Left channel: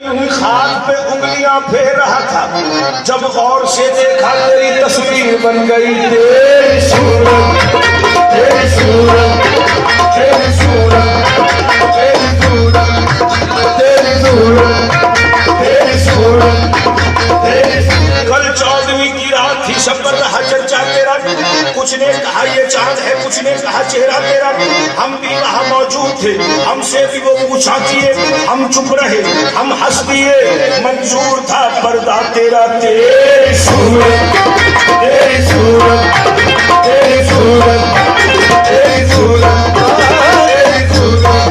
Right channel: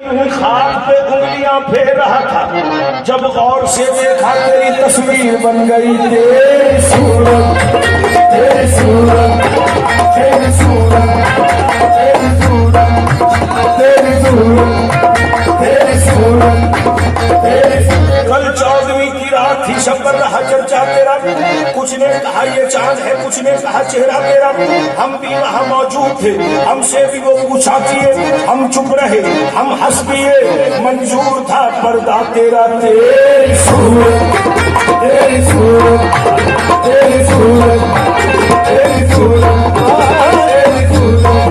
खाक पे उंगलियां फेर रहा था, जब गौर से देखा तेरी तस्वीर बन गई। तेरी सूरत, तेरी सूरत, तेरी सूरत, तेरी सूरत, तेरी सूरत, तेरी सूरत, तेरी सूरत। कल 14वीं की रात थी, शब पर रहा चर्चा तेरा। कुछ ने कहा ये चांद है, कुछ ने कहा चेहरा तेरा। हम भी वहां मौजूद थे, हमसे भी वो पूछा किए, हम चुप रहे, हम हंस दिए, मंजूर था पर्दा तेरा। तेरी सूरत, तेरी सूरत, तेरी सूरत, तेरी सूरत, तेरी सूरत,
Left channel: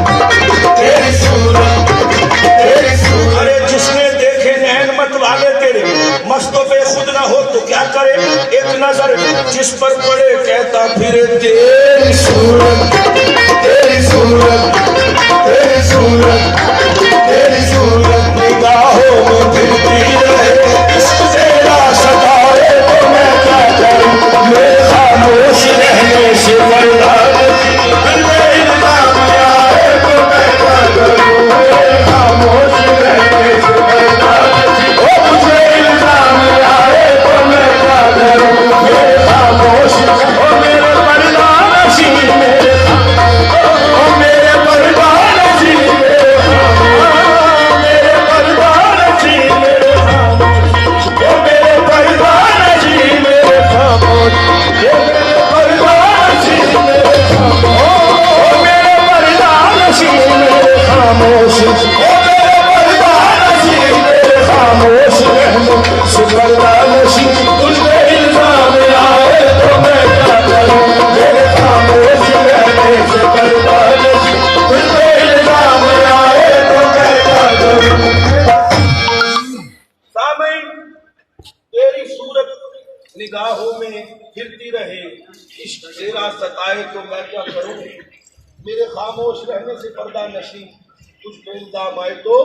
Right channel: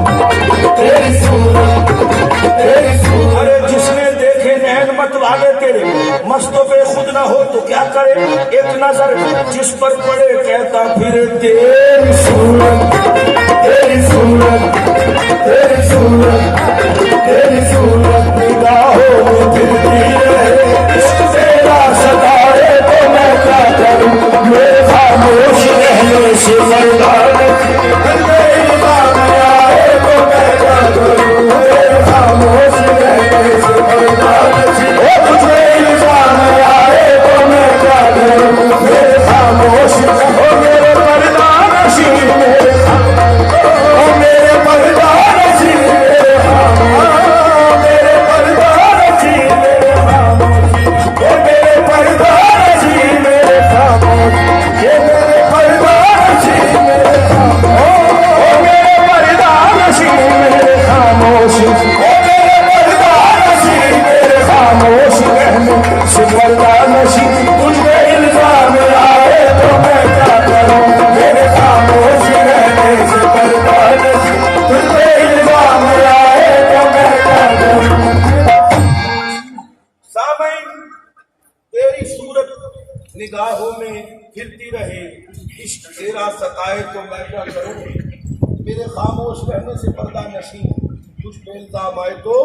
तेरी सूरत, तेरी सूरत। अरे जिसने देखे नैन मत वाले तेरे, मस्तो पे खुद ना हो तो क्या करे। एक नजर जिस पर पड़े कहता फिरे तेरी सूरत, तेरी सूरत, तेरी सूरत, तेरी सूरत। निगाहों में फिरती रहे, इश्क तेरा सताए तो मैं क्या करूं। मेरे खामोश रहने से मरना मेरी निगाह में आए तो मैं क्या करूं। मेरे खामोश रहने से मरना मुझे इल्जाम आए तो मैं क्या करूं। मेरे खामोश मेरे पर्दा नशीं, मेरे पर्दा नशीं, मेरे पर्दा नशीं, मेरे खामोश, मेरे पर्दा नशीं, मेरे खामोश, मेरे पर्दा नशीं, मेरे खामोश, मेरे पर्दा नशीं, मेरे खामोश, मेरे पर्दा नशीं, मेरे खामोश रहने से पर्दा नशीं। तुझे इल्जाम आए तो मैं क्या करूं। मेरे खामोश रहने से पर्दा नशीं, तुझे इल्जाम आए तो मैं क्या करूं। सामईन, तेरी सूरत निगाहों में फिरती रहे, इश्क तेरा सताए तो मैं क्या करूं। मेरे खामोश रहने से पर्दा नशीं, तुझ पे इल्जाम आए तो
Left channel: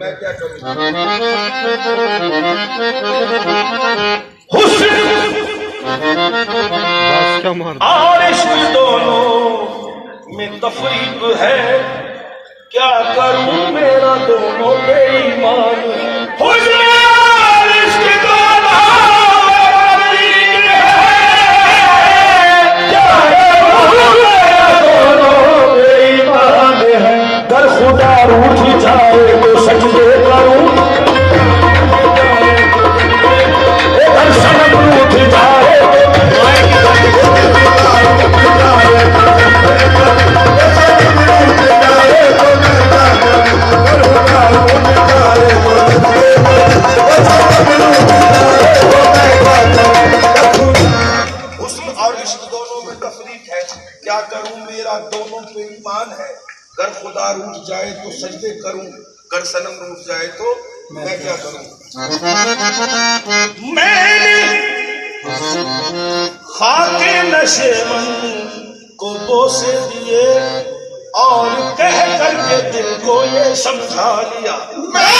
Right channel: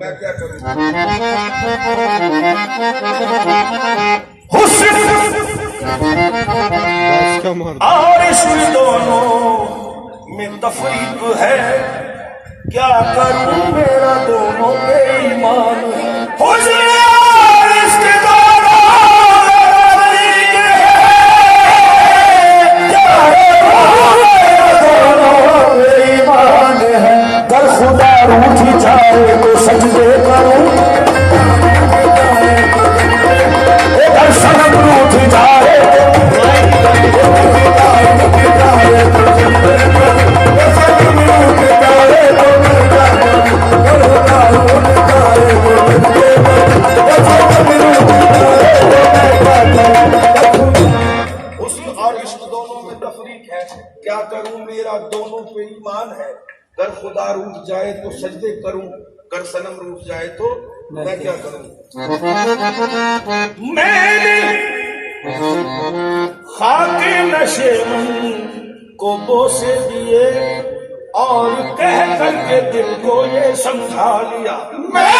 मैं क्या करूं। हुस्न और इश्क दोनों में तफरीक है, क्या करूं मेरा दोनों बेईमान है। हुस्न और इश्क दोनों बेईमान है। अगर खुदा रूठ जाए तो सजदे करूं, अगर सनम रूठ जाए और इश्क दोनों में तफरीक है, क्या करूं मेरा दोनों पे ईमान है। अगर खुदा रूठ जाए तो सजदे करूं, अगर सनम रूठ जाए तो मैं क्या करूं। मैंने खाके नशेमन को बोसे दिए और कह करके दिल को ये समझा लिया। मैं